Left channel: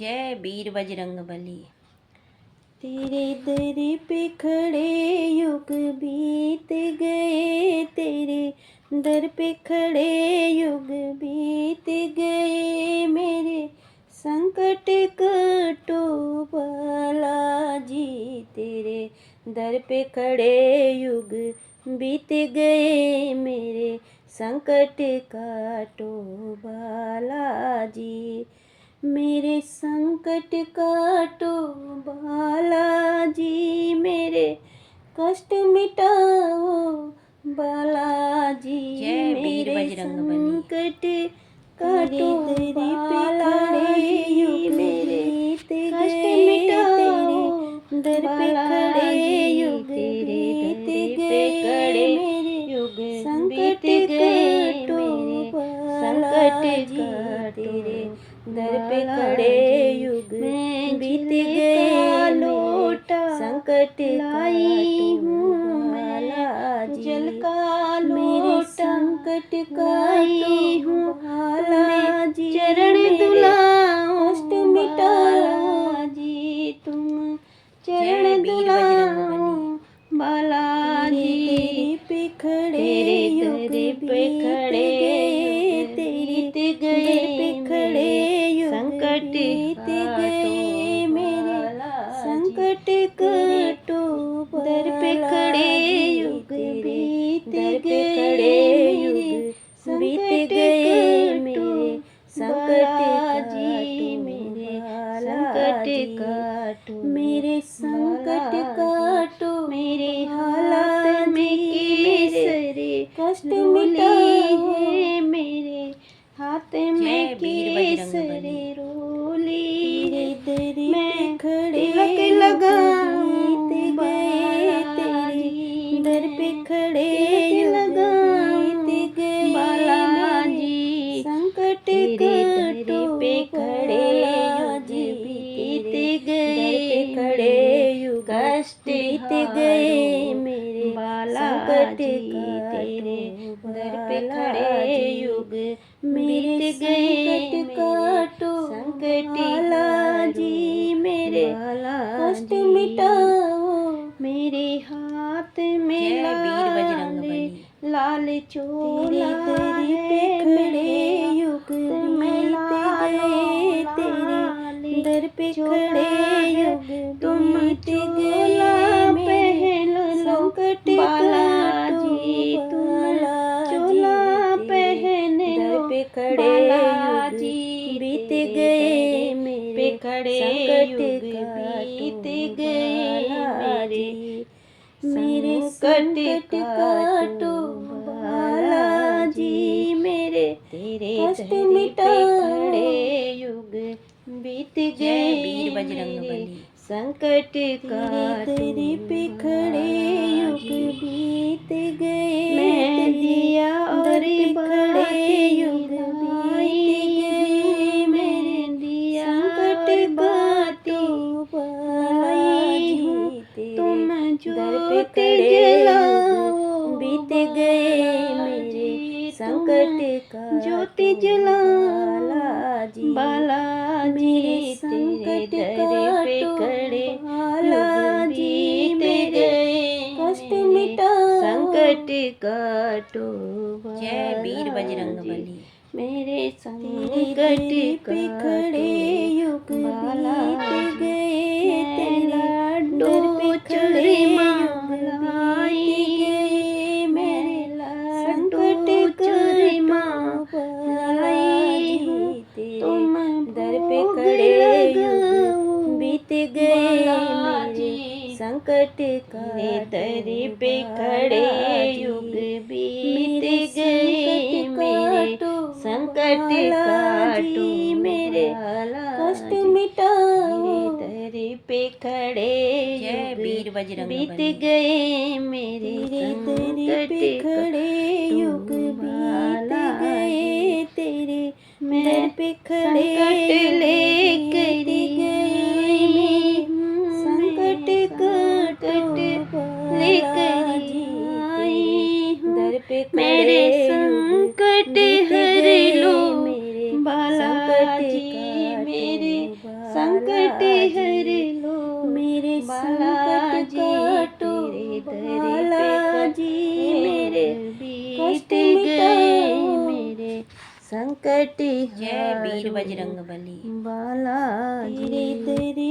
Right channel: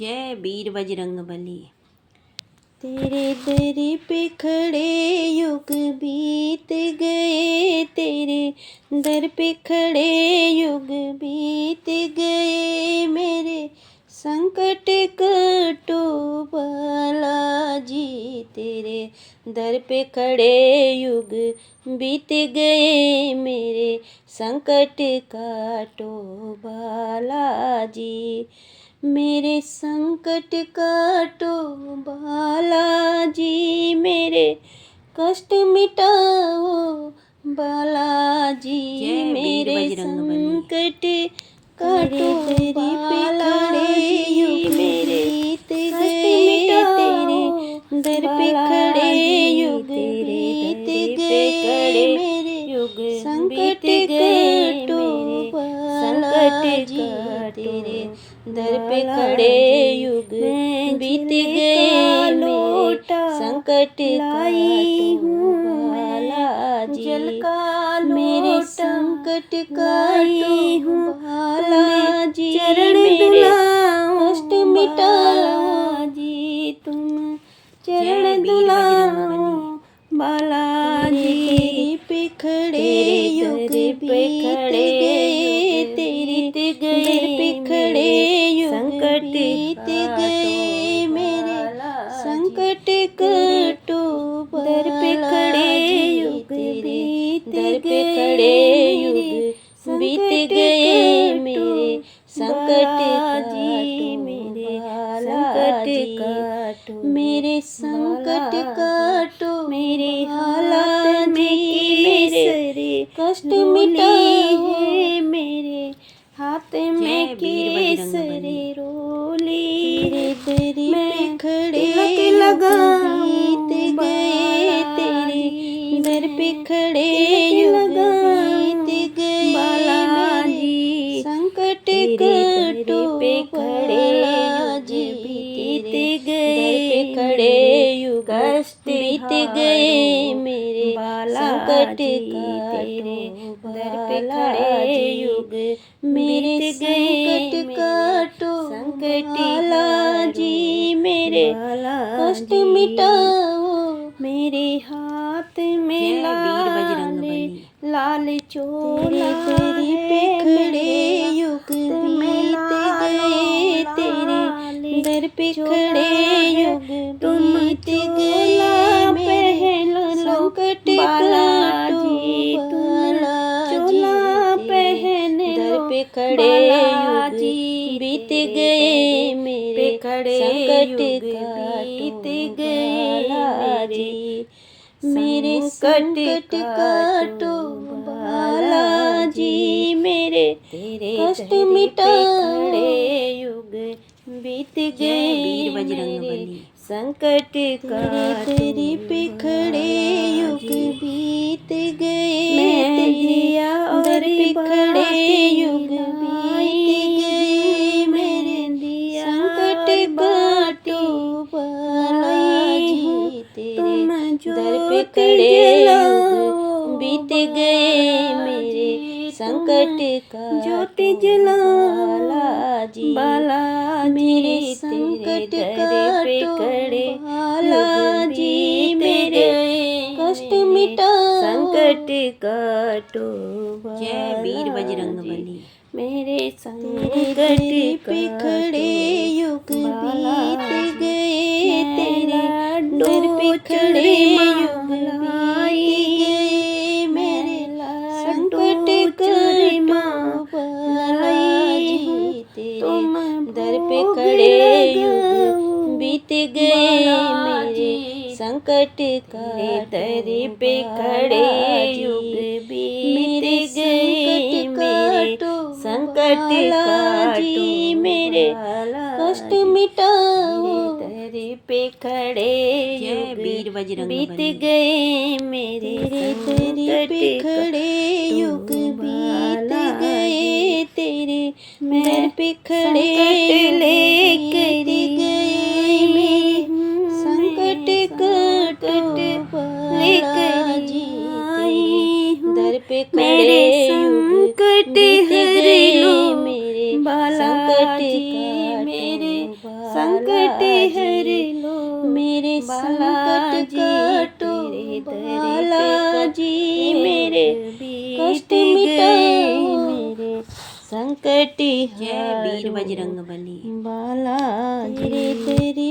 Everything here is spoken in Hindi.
जय वीर बजरंगबली। तेरे दर पे खड़े युग बीत गए, तेरे दर पे खड़े युग बीत गए, मेरे संकट कटो बालाजी। तेरे दर पे खड़े युग बीत गए, मेरे संकट काटो बालाजी। मेरे संकट काटो बालाजी, मेरे कष्ट मिटाओ बालाजी। मेरे संकट काटो बालाजी, मेरे कष्ट मिटाओ दर पे खड़े युग बीत गए, मेरे संकट काटो बालाजी। तेरे दर पे खड़े युग बीत गए, मेरे संकट लाई हूँ बालाजी। मेरे संकट काटी हूँ बालाजी, चरण दुलाओ कष्ट मिटाओ जी तुम, चरण दुलाओ बालाजी। पे खड़े युग बीत गए, तेरी दर पे खड़े संकट बीत गए, मेरे संकट काटो दर पे खड़े युग बीत गए, युग बीत गए, मेरे संकट काटो मेरे संकट काटो, मेरे संकट काटो मेरे हालात मेरे कष्ट मिटाओ मेरे हाथ में केसरी रोली। तेरी पे खड़े बीत गए, तेरे दर पे खड़े युग बीत गए, मेरे संकट काटो बालाजी। बीत गए खड़े युग बीत गए, मेरे संकट काटो दर पे खड़े युग मेरे संकट काटो बालाजी। मेरे कष्ट मिटाओ मेरे हाथ में लाल चोला। तेरी पे खड़े युग बीत गए, तेरे दर पे खड़े युग बीत गए, मेरे संकट काटो बालाजी। दर पे खड़े युग बीत गए, मेरे संकट बीत गए बालाजी। मेरे संकट काटो बालाजी, मेरे कष्ट मिटाओ युग बीत गए, वीर बजरंगबली। संकट काटो। तेरी पे खड़े युग बीत गए, तेरे दर पे खड़े युग बीत गए, मेरे संकट काटो बालाजी। तेरे दर पे खड़े युग बीत गए, मेरे संकट काटो बालाजी। मेरे संकट काटो बालाजी, मेरे कष्ट मिटाओ संकट काटो। जय वीर बजरंगबली। मेरे संकट पे खड़े युग बीत गए, तेरे दर पे खड़े युग बीत गए, मेरे संकट काटो बालाजी। तेरे दर पे खड़े युग बीत गए, मेरे संकट दर पे खड़े युग बीत गए, मेरे संकट काटो मेरे कष्ट मिटाओ दर पे खड़े जय वीर बजरंगबली। बीत गए, मेरे दर पे खड़े युग बीत गए, तेरे दर पे खड़े लेकर गए, मेरे संकट काटो बालाजी। दर पे मेरे संकट हर लो मेरे संकट मेरे संकट काटो बालाजी, मेरे कष्ट मिटाओ मेरे संकट जय वीर बजरंग बली। बालाजी तेरी